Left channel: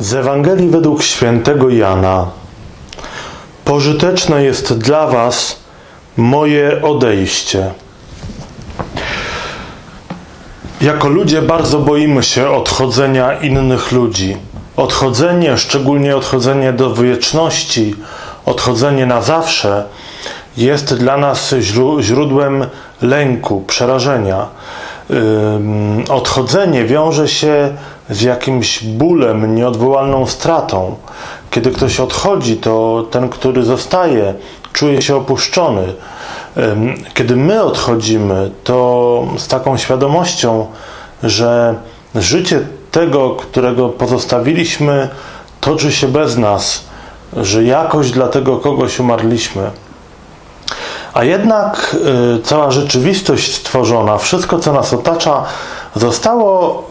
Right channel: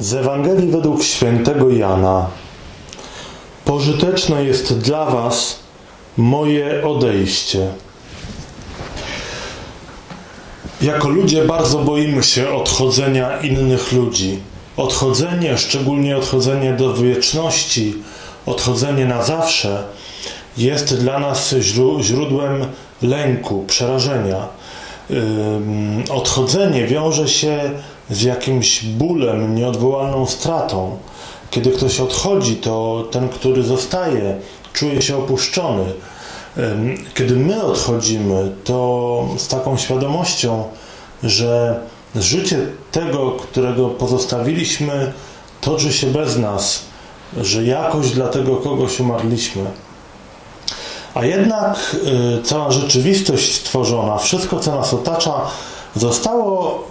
Z Ewangelii według świętego Jana. Pożyteczne jest dla Was moje odejście. Jako ludzie bardzo boimy się odchodzenia innych ludzi. Odchodzenie, szczególnie odchodzenie do wieczności, odchodzenie na zawsze, jest dla nas źródłem lęku, przerażenia. Odchodzenie wiąże się z jakimś bólem, nieodwołalną stratą. Kiedy ktoś odchodzi, to ten, który zostaje, czuje się opuszczony. Kiedy my odchodzimy, to z taką świadomością, że życie tego, którego pozostawiliśmy, toczy się bez nas, że jakoś dla tego kogoś umarliśmy. A jednak y, cała rzeczywistość stworzona, wszystko co nas otacza, zostało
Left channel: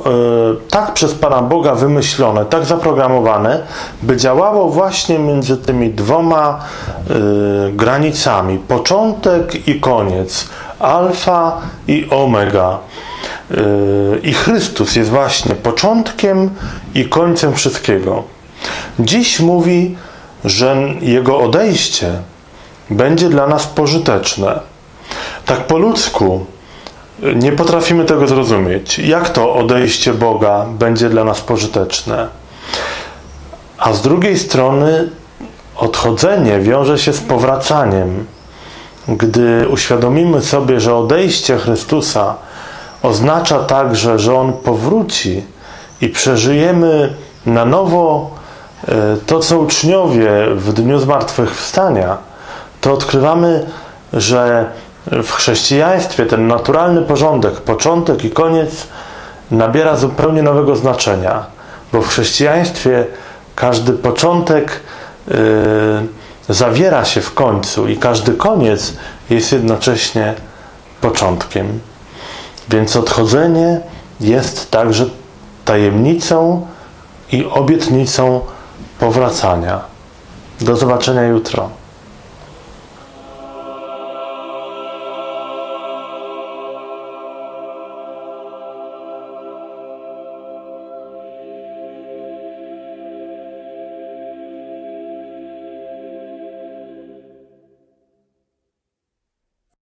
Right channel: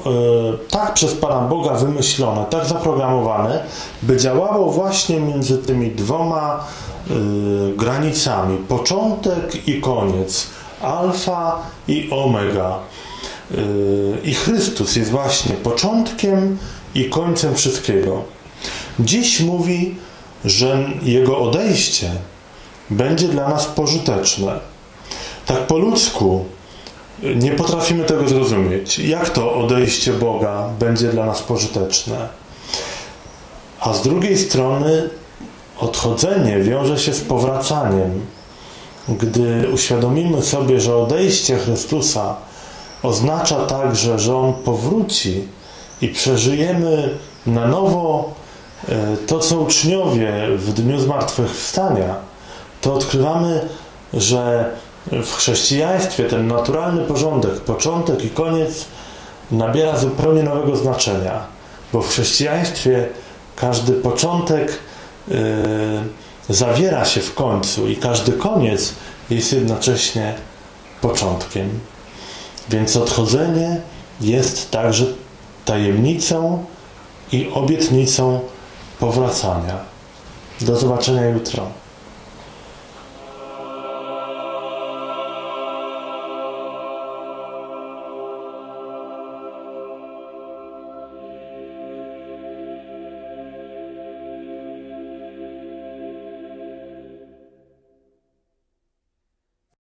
y, tak przez Pana Boga wymyślone, tak zaprogramowane, by działało właśnie między tymi dwoma y, granicami początek i koniec, alfa i omega. I Chrystus jest właśnie początkiem i końcem wszystkiego. Dziś mówi, że Jego odejście będzie dla nas pożyteczne. Tak po ludzku nie potrafimy tego zrozumieć. Jak to odejście Boga będzie dla nas pożyteczne? A z drugiej strony odchodzenie wiąże się z powracaniem. Gdy uświadomimy sobie, że odejście Chrystusa oznacza także, że On powróci i przeżyjemy na nowo e, to, co uczniowie w dniu zmartwychwstania, to odkrywamy, że w chrześcijaństwie ten naturalny porządek, początek i koniec nabiera zupełnie nowego znaczenia, bo w chrześcijaństwie każdy początek yy, zawiera się w końcu i każdy koniec jest jednocześnie początkiem. Więc odchodzenie jest także tajemnicą i obietnicą powracania. Do zobaczenia jutro.